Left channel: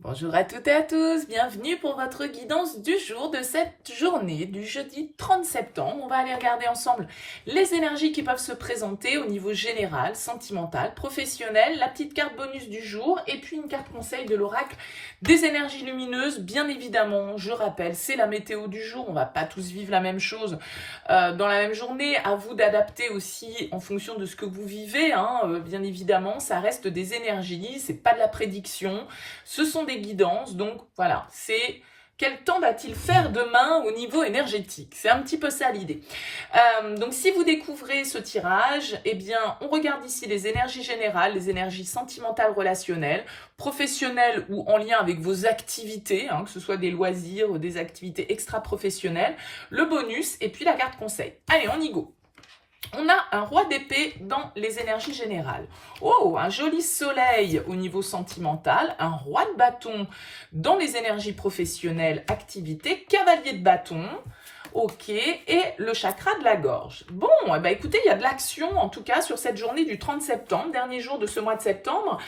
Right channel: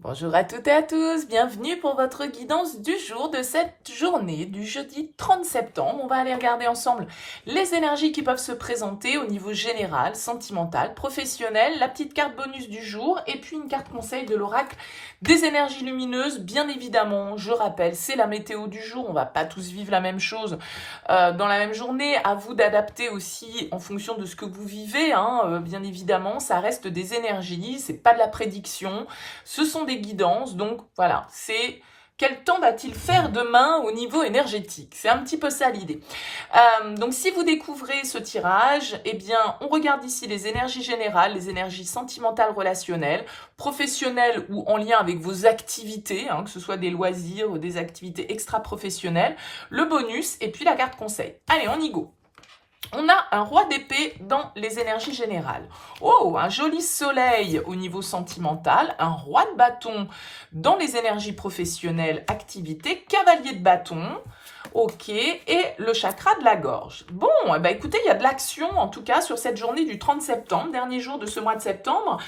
Bonjour à toutes et à tous, bienvenue pour votre guidance du jour de cette journée du jeudi 30 septembre. On va aller regarder ensemble les énergies qui peuvent se présenter au niveau général, sentimental, professionnel, la petite carte bonus du jour et puis une carte conseil de l'oracle des énergies lumineuses. Bien évidemment, je rappelle, c'est la météo du jour, on va pas tous vivre la même chose dans la même journée. À vous d'adapter aussi en fonction de ce que vous vivez, bien évidemment, ça reste des énergies, c'est pas de la prédiction. Ce sont des guidances, donc voilà, c'est quel temps va-t-il faire demain au niveau énergétique? C'est un petit peu ça l'idée. Donc si vous découvrez ce tirage, eh bien on regarde ici les énergies générales, les énergies sentimentales, relationnelles, professionnelles ou en lien avec vos activités, que ce soit des loisirs ou des activités extra-professionnelles, le bonus et puis la carte conseil. Allez, on y go. On a un roi d'épée dans les énergies générales. Oh, un joli soleil au niveau sentimental, un roi de bâton dans les énergies professionnelles, activités, cavalier de bâton, ok, et le chakra de la gorge. Bon, eh ben écoutez, il y a de l'action en tout cas sur cette journée du 30 septembre, dernier jour de ce mois de septembre,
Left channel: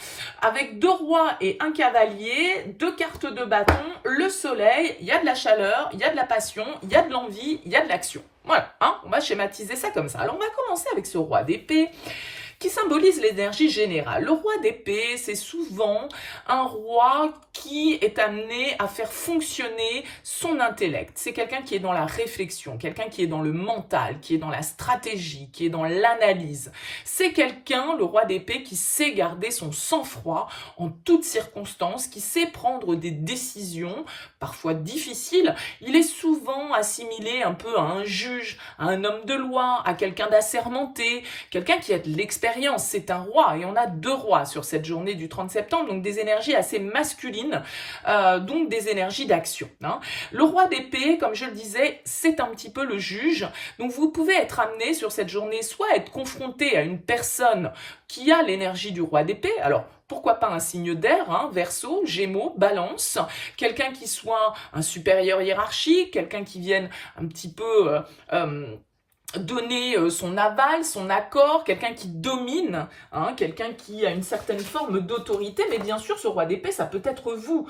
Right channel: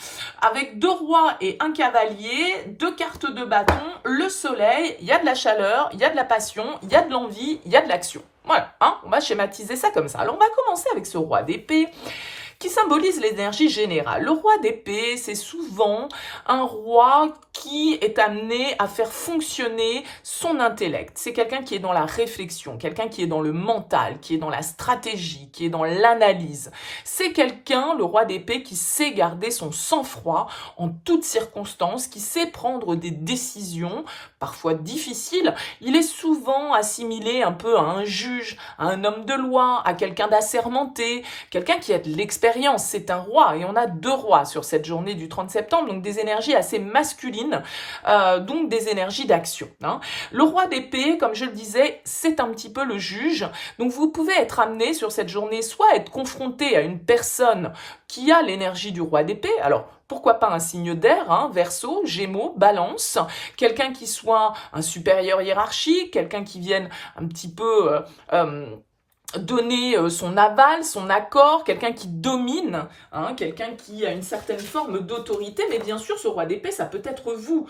avec deux rois et un cavalier, deux cartes de bâton, le soleil, il y a de la chaleur, il y a de la passion, il y a de l'envie, il y a de l'action. Voilà, on va schématiser ça comme ça. Alors on va commencer avec ce roi d'épée qui symbolise l'énergie générale. Le roi d'épée, c'est souvent un roi qui est amené à faire fonctionner son intellect. C'est quelqu'un qui est dans la réflexion, quelqu'un qui est dans le mental, qui est dans la stratégie, qui est dans l'analyse. C'est quelqu'un, le roi d'épée, qui sait garder son sang-froid en toutes circonstances, qui sait prendre des décisions, parfois difficiles. Il est souvent assimilé un peu à un juge, à un homme de loi, à quelqu'un d'assermenté, quelqu'un qui a de l'expérience. C'est un roi et on a deux rois sur cette journée du 30 septembre, donc des énergies assez masculines, donc des énergies d'action. Le roi d'épée, comme je le disais, c'est un petit peu le juge, donc vous pouvez être amené sur cette journée soit à être confronté à une personne qui a l'énergie du roi d'épée, alors pourquoi pas un signe d'air, Verseau, Gémeaux, Balance, quelqu'un qui soit un supérieur hiérarchique, quelqu'un qui vienne un petit peu donner son aval, son accord, quelqu'un qui domine, quelqu'un qui a une certaine forme d'autorité, mais bien sûr, ce roi d'épée, ça peut être vous.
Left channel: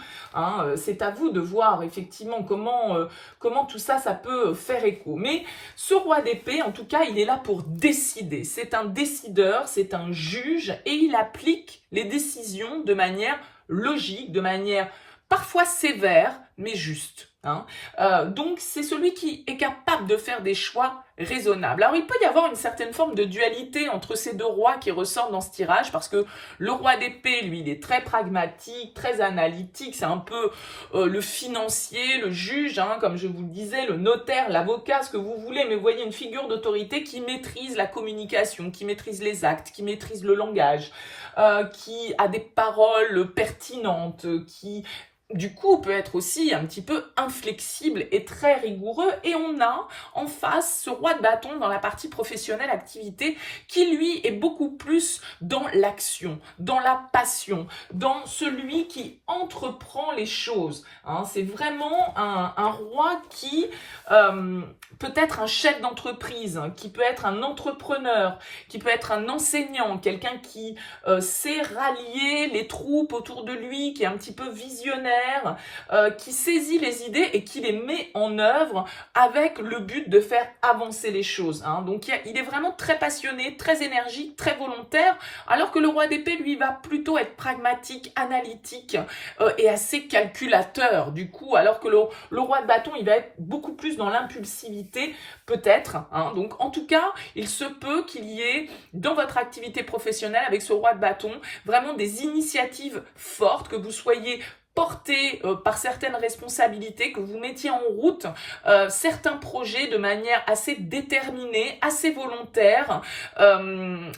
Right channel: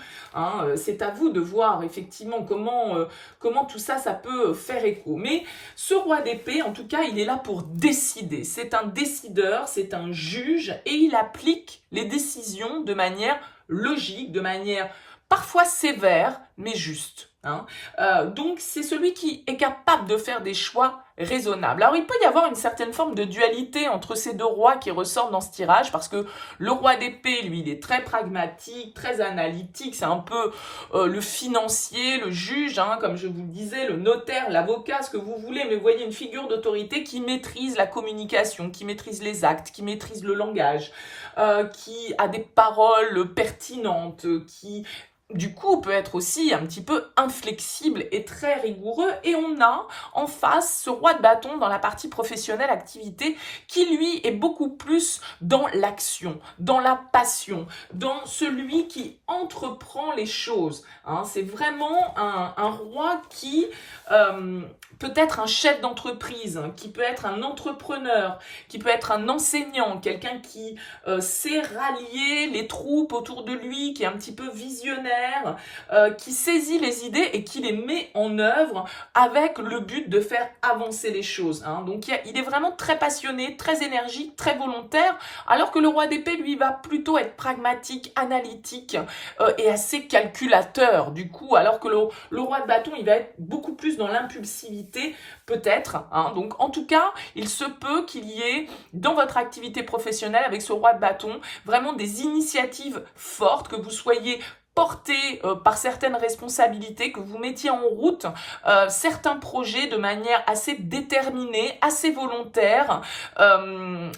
C'est à vous de voir effectivement comment tout ça, ça peut faire écho. Mais ce roi d'épée, en tout cas, il est là pour décider. C'est un décideur, c'est un juge, et il applique les décisions de manière logique, de manière parfois sévère, mais juste. Donc, c'est celui qui est capable de faire des choix raisonnables. Alors, il peut y avoir une certaine forme de dualité entre ces deux rois qui ressortent dans ce tirage, parce que le roi d'épée, lui, il est très pragmatique, très analytique, c'est un peu le financier, le juge, comme je vous le disais, le notaire, l'avocat, ce que vous voulez, mais vous voyez une figure d'autorité qui maîtrise la communication, qui maîtrise les actes, qui maîtrise le langage, qui a des paroles pertinentes, qui du coup, peut être aussi un petit peu inflexible et très rigoureux. Et on a en face ce roi de bâton dans la partie professionnelle activité qui, lui, est beaucoup plus dans l'action, dans la passion, dans celui qui entreprend les choses. C'est vraiment un roi qui peut être un chef d'entreprise, qui peut être un entrepreneur, qui peut être un enseignant, quelqu'un qui sait rallier les troupes autour de lui, qui est un petit peu visionnaire, qui saisit les idées et qui les met en œuvre avec le but de faire avancer les choses. Donc il est vraiment très passionné, très énergique, très volontaire, alors que le roi d'épée, lui, va plutôt être pragmatique, analytique et assez calculateur. Du coup, alors que le roi de bâton, il va être beaucoup plus dans l'impulsivité, peut-être. Donc en tout cas, il se peut qu'il y ait dans votre activité professionnelle avec ce roi de bâton vraiment des initiatives fortes, que vous soyez porté par certaines responsabilités, que vous mettiez en route certains projets de manière assez déterminée, assez volontaire,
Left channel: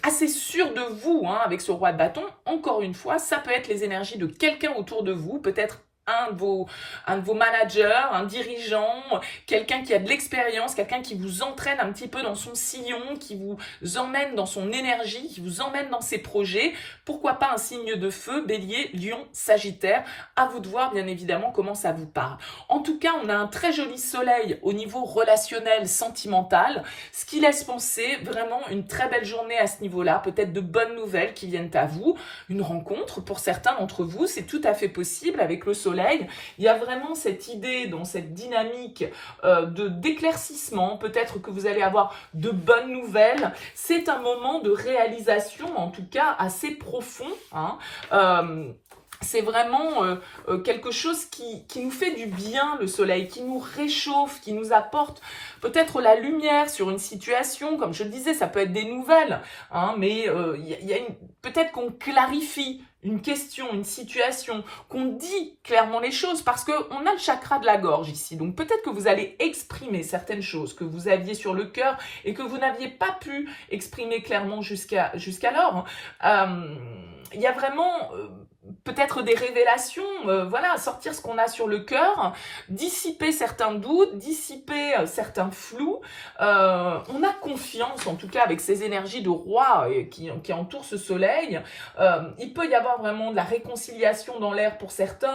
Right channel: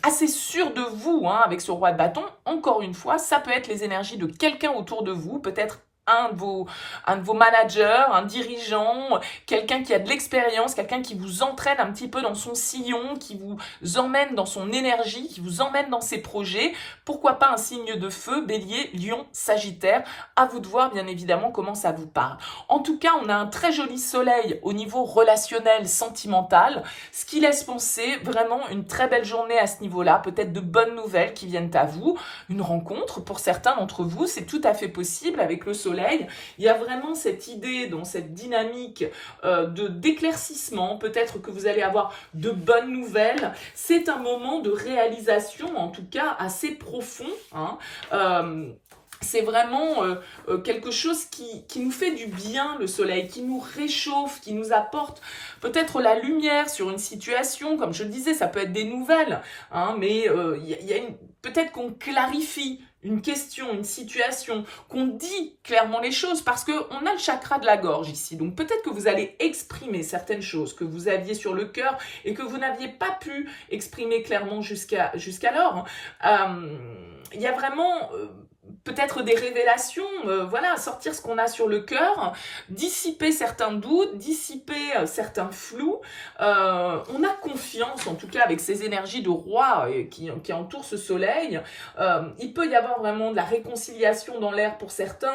assez sûre de vous avec ce roi de bâton. Encore une fois, ça peut être les énergies de quelqu'un autour de vous, peut-être un de vos managers, un dirigeant, quelqu'un qui a de l'expérience, quelqu'un qui vous entraîne un petit peu dans son sillon, qui vous emmène dans son énergie, qui vous emmène dans ses projets. Pourquoi pas un signe de feu, Bélier, Lion, Sagittaire. À vous de voir bien évidemment comment ça vous parle. En tout cas, on a un très joli soleil au niveau relationnel, sentimental, ce qui laisse penser vraiment une très belle journée à ce niveau-là, peut-être de bonnes nouvelles qui viennent à vous, une rencontre pour certains d'entre vous, c'est tout à fait possible avec le soleil. Il y a vraiment cette idée, dans cette dynamique d'éclaircissement, peut-être que vous allez avoir de bonnes nouvelles. C'est un moment de réalisation, en tout cas assez profond, hein. C'est vraiment quelque chose qui nous fait du bien, le soleil, qui nous réchauffe, qui nous apporte peut-être la lumière sur une situation. Comme je le disais, ça peut être des nouvelles, hein, mais peut-être qu'on clarifie une question, une situation, qu'on dit clairement les choses, parce qu'on a le chakra de la gorge ici. Donc peut-être que vous allez exprimer certaines choses que vous aviez sur le cœur et que vous n'aviez pas pu exprimer clairement jusqu'alors. Il y a vraiment peut-être des révélations, voilà, sortir ce qu'on a sur le cœur, dissiper certains doutes, dissiper certains flous. On a confiance, en tout cas, avec ces énergies de roi qui entourent ce soleil. Il peut y avoir vraiment de la réconciliation dans l'air pour certains,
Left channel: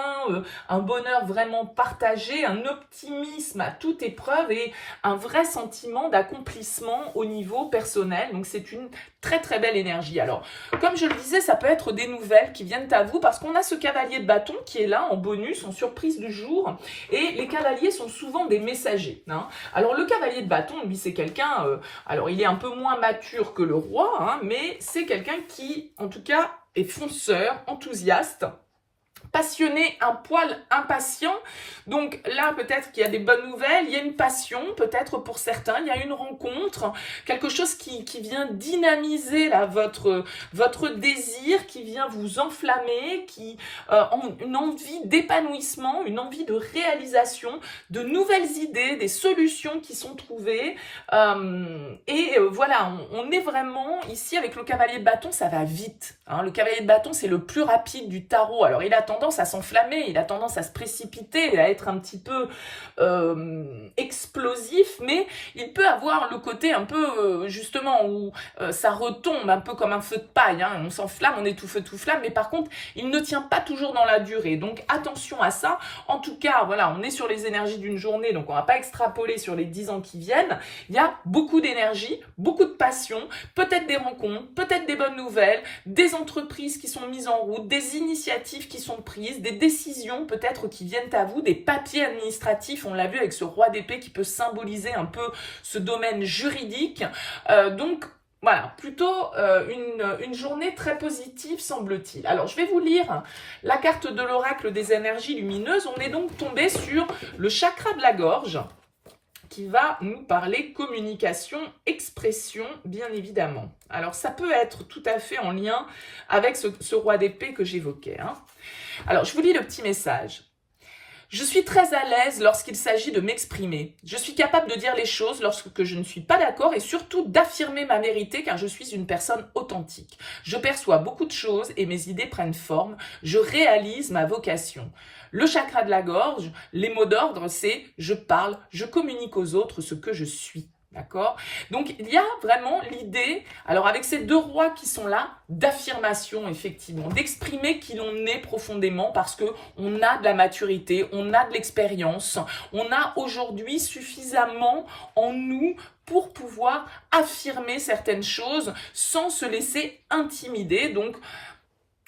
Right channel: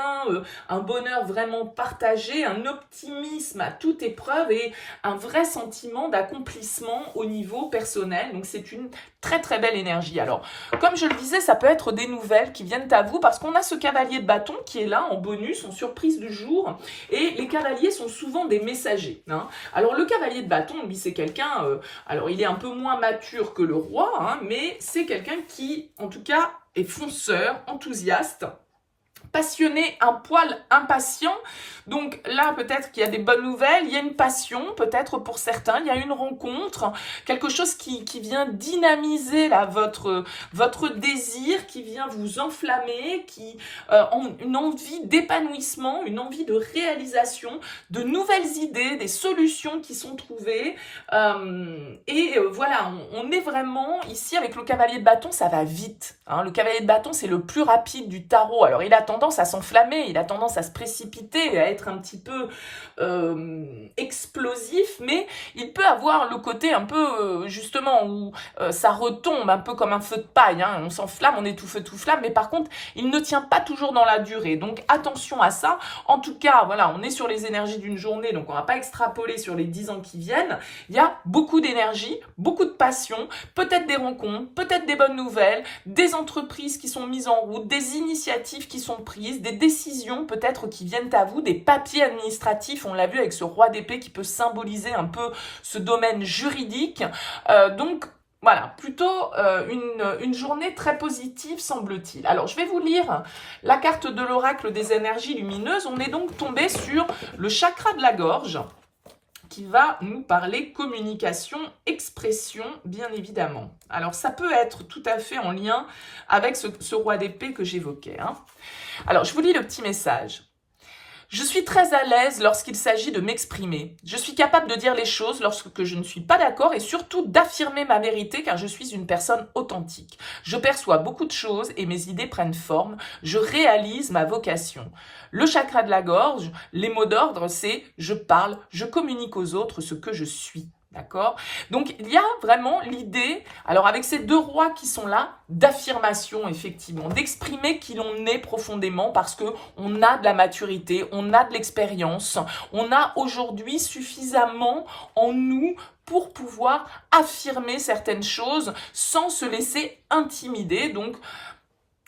un bonheur vraiment partagé, un optimisme à toute épreuve et un vrai sentiment d'accomplissement au niveau personnel. Donc c'est une très très belle énergie. Alors, comme je le disais, ça peut être des nouvelles qui viennent à vous parce qu'on a ce cavalier de bâton qui est là en bonus, en surprise du jour, et les cavaliers sont souvent des messagers, hein. Alors le cavalier de bâton, lui, c'est quelqu'un, alors il est un peu moins mature que le roi, hein, mais c'est quelqu'un qui, en tout cas, est fonceur, enthousiaste, passionné, un poil impatient. Donc là, peut-être qu'il y a des bonnes nouvelles, il y a une passion, peut-être pour certains, il y a une rencontre, quelque chose qui vient dynamiser là, votre désir, qui vient vous enflammer, une envie d'épanouissement, une envie de réalisation, de nouvelles idées, des solutions qui sont trouvées. Voilà, on est vraiment ici avec le cavalier de bâton, ça va vite, hein. Le cavalier de bâton, c'est le plus rapide du tarot. Alors, il a tendance à s'enflammer, il a tendance à se précipiter, à être un petit peu explosif, mais il peut avoir le côté un peu, justement, où ça retombe un peu comme un feu de paille, hein. On s'enflamme, on est tout feu, tout flamme, mais par contre, il ne tient pas toujours dans la durée. Donc, attention à ça. En tout cas, voilà, on est sur les énergies d'une journée, donc on ne va pas extrapoler sur les 10 ans qui viennent. Il y a beaucoup d'énergie, beaucoup de passion, peut-être des rencontres, peut-être des bonnes nouvelles, des entreprises qui sont mises en route, des initiatives qui sont prises, des décisions peut-être qui viennent à vous, des papiers administratifs, on l'a vu avec ce roi d'épée qui peut symboliser un peu ce domaine juridique. Donc, voilà, plutôt une journée très positive, semble-t-il. Alors, je vais vous lire la carte de l'oracle des énergies lumineuses. On est donc tombé sur le chakra de la gorge, qui va nous parler communication, expression, bien évidemment. Alors, ça peut être tout à fait en lien avec ce roi d'épée que j'évoquais, hein. Alors, je vous lis le petit message. Je suis très à l'aise lorsqu'il s'agit de m'exprimer. Je suis capable de dire les choses lorsque je ne suis pas d'accord et surtout d'affirmer ma vérité car je suis une personne authentique. Je perçois beaucoup de choses et mes idées prennent forme. Je réalise ma vocation. Le chakra de la gorge, les mots d'ordre, c'est je parle, je communique aux autres ce que je suis. D'accord? Donc, il y a vraiment l'idée, alors avec ces deux rois qui sont là, d'affirmation, effectivement, d'exprimer qui l'on est profondément parce qu'on a de la maturité, on a de l'expérience, on a aujourd'hui suffisamment en nous pour pouvoir affirmer certaines choses sans se laisser intimider. Donc,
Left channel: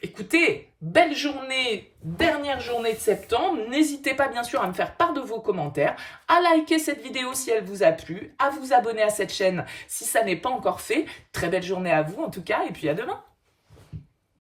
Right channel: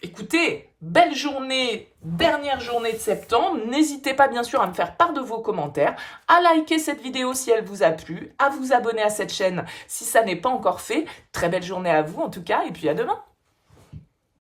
écoutez, belle journée, dernière journée de septembre. N'hésitez pas bien sûr à me faire part de vos commentaires, à liker cette vidéo si elle vous a plu, à vous abonner à cette chaîne si ça n'est pas encore fait. Très belle journée à vous en tout cas et puis à demain.